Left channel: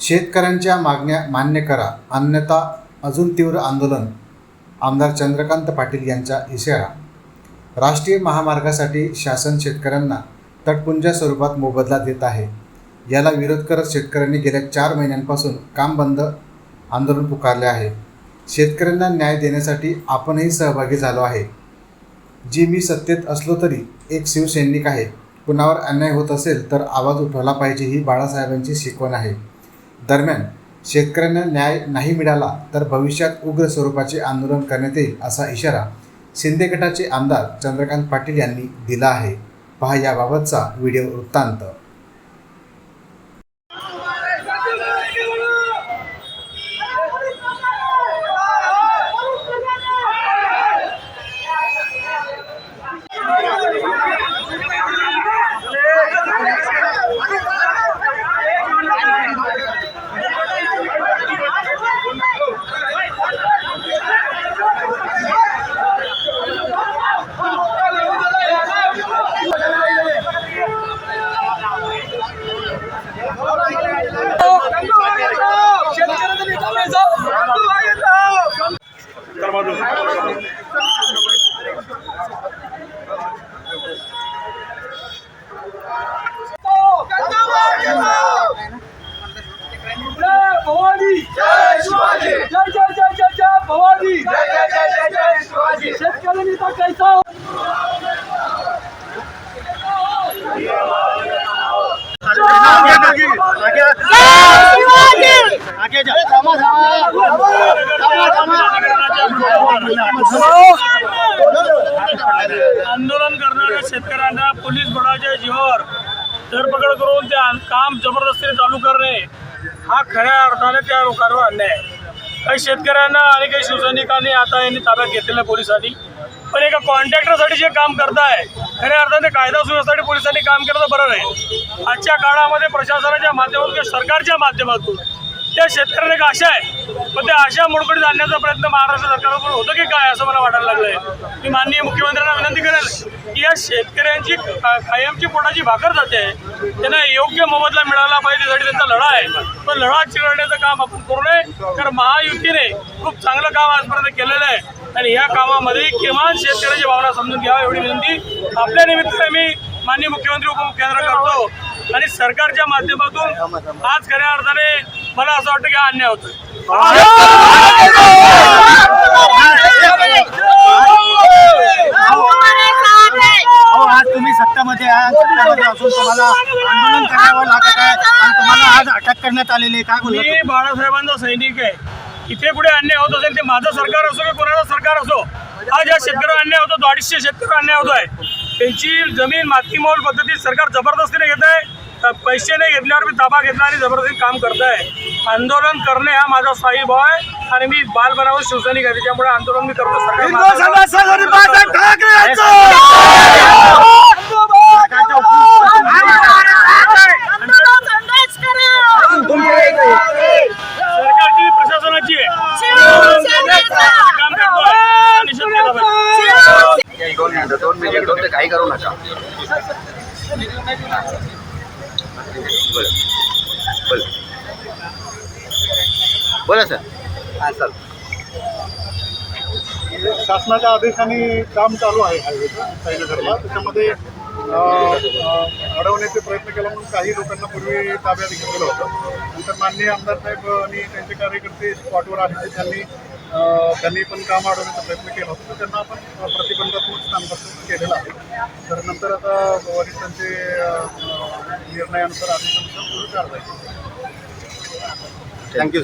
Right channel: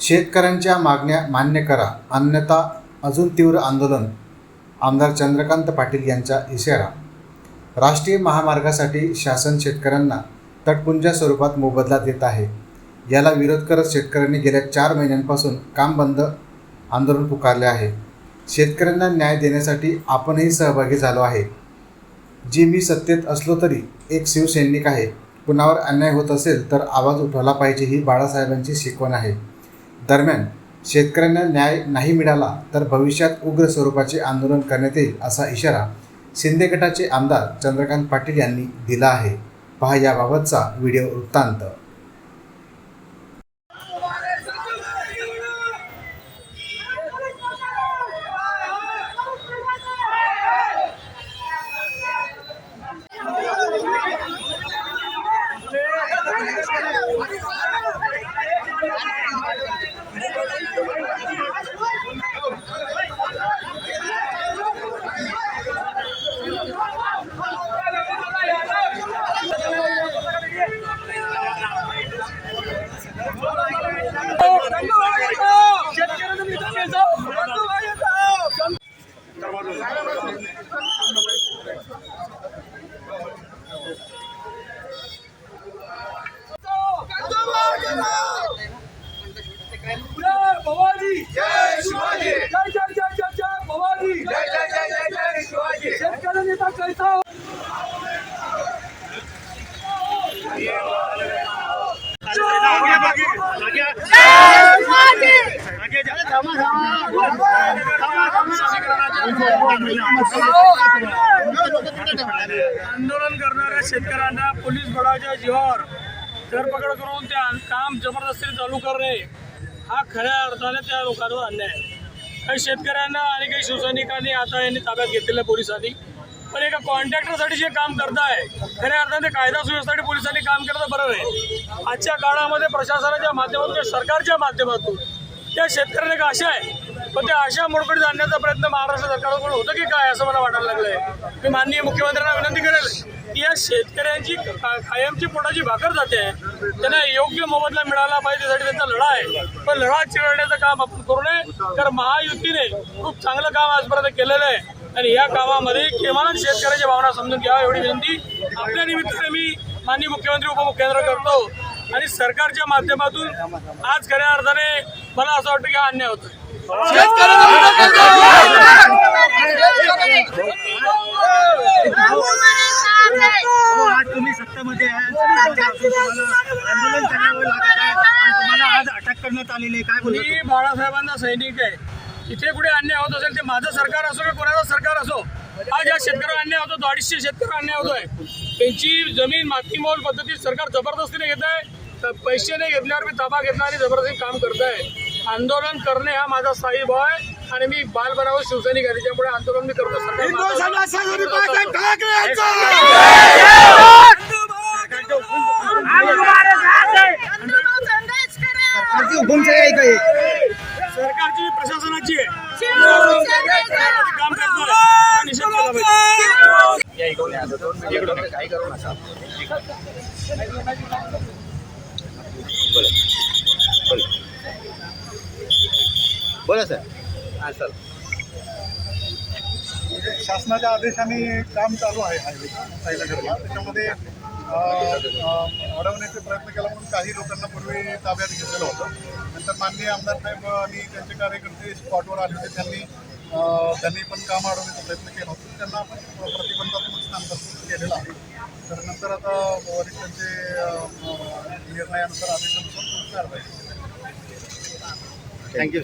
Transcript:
शेतकऱ्यांच्या मागण्या मान्य करा. अन्यथा अजून तीव्र आंदोलन. आमदार चंद्रकांत पाटील यांचा इशारा. राष्ट्रीय महामार्गासाठी शासन शेतकऱ्यांना तटपुंजा स्वरूपात मोबदला देत आहे. याला विरोध करत शेतकऱ्यांनी गेल्या चार महिन्यांपासून काम बंद आंदोलन पुकारले आहे. शेतकऱ्यांना न्याय देण्यासाठी आपणही सहभागी झालो आहे. जी मी सत्तेत असलो तरी एक शिवसैनिक आहे. कुणावर अन्याय होत असेल तर आवाज उठवला पाहिजे ही बाळासाहेबांची शिकवण आहे. दरम्यान शेतकऱ्यांना न्याय नाही मिळाला तर भविष्यात उग्र स्वरूपाचे आंदोलन करण्यात येईल असा इशारा शिंदे गटाचे आमदार चंद्रकांत पाटील यांनी दिला आहे. पहा याबाबतचा व्हिडिओ वृत्तांत. भवानी जय शेतकऱ्यांना पोलीस बळाच्या जीवावर धरपकड करून ते काम जबरदस्तीने चालू करणे हा खऱ्या अर्थाने त्या लोकांवर अन्याय आहे. काही शेतकऱ्यांना आणि काही शिवसैनिकांनी आता यांनी ताब्यात घेतलेल्या पोलिसांनी. पण एका कॉन्ट्रॅक्टरसाठी जे काम करताय खऱ्या अर्थाने कायदा सुव्यवस्थेसाठी पोलिसांनी काम केलं तर बरं नाही आजच्या काळामध्ये प्रशासनाच्या माध्यमातून किंवा सरकारच्या माध्यमातून त्या शेतकऱ्याने एक आशा आहे. पण त्या आशा मोडकडे जाण्याचा प्रयत्न महाराष्ट्र सरकारकडून होतो की काय असं मला वाटायला लागलंय. मी माननीय मुख्यमंत्र्यांना विनंती करेल की या शेतकऱ्यांची कायमची पोटाची भाकर जाते. त्यांना योग्य मोबदला मिळाला पाहिजे त्यासाठी त्यांचा लढा आहे. पण लढा चिरडण्याचं काम आपण करू नये. तर महायुतीने खूप चांगलं काम आजपर्यंत केलेलं आहे. आणि या कामामध्ये किमान शेतकऱ्याची भावना समजून घ्यावा एवढी विनंती. आपल्या निमित्ताने मी माननीय मुख्यमंत्री उपमुख्यमंत्री करतो. आणि सरकारच्या माध्यमातून आज खऱ्या अर्थाने मला असं वाटतं की हा अन्याय होतोय. अहो आज तुम्ही सत्तामध्ये असून तुम्हाला आंदोलन करावं लागत आहे आणि तुम्हाला आज अटक करण्यात आलेली आहे. काय मी बाळासाहेबांचा सैनिक आहे. इथे कुठे अन्याय होत असेल ते माझं सरकार असो की कोणाचं सरकार असो आज या शेतकऱ्यावर अन्याय होतो अडीचशे शेतकऱ्यावर अन्याय होतोय. त्यांची जमीन मातीमोल पद्धतीत सरकार जबरदस्तीने घेत आहे पैसे नाही घेतल्यावर मी ताबा घेतला आणि जबरदस्ती काम करताय आंदोलन करणे हा माझा स्थायी भाव आहे आणि मी बालपणावर शिवसैनिक आहे त्याच्यामुळे आंदोलन मी करतो आहे हा दोन मिनिटं दोन मिनिटं दोन काही करू नका बोला सर. हां सर. शासनाच्या आदेशाने काम चालू आहे हायवेचं साईनगरला. त्याच्यामध्ये अडवण्याचे प्रयत्न केला म्हणून काही लोकांना पूर्वी ताब्यात घेतलेलं होतं. नंतर माननीय आमदार साहेब आणि त्यांचे कार्यकर्ते स्पॉटवर आले त्यांनी त्यांनी पण काम अडवण्याचा प्रयत्न केला होता. तर त्यांना आपण प्रतिबंधात्मक स्थानपासून केलेलं आहे. तर नंतर आता वरिष्ठांचे निर्णयानुसार आदेशानुसार पुढे कारवाई थँक्यू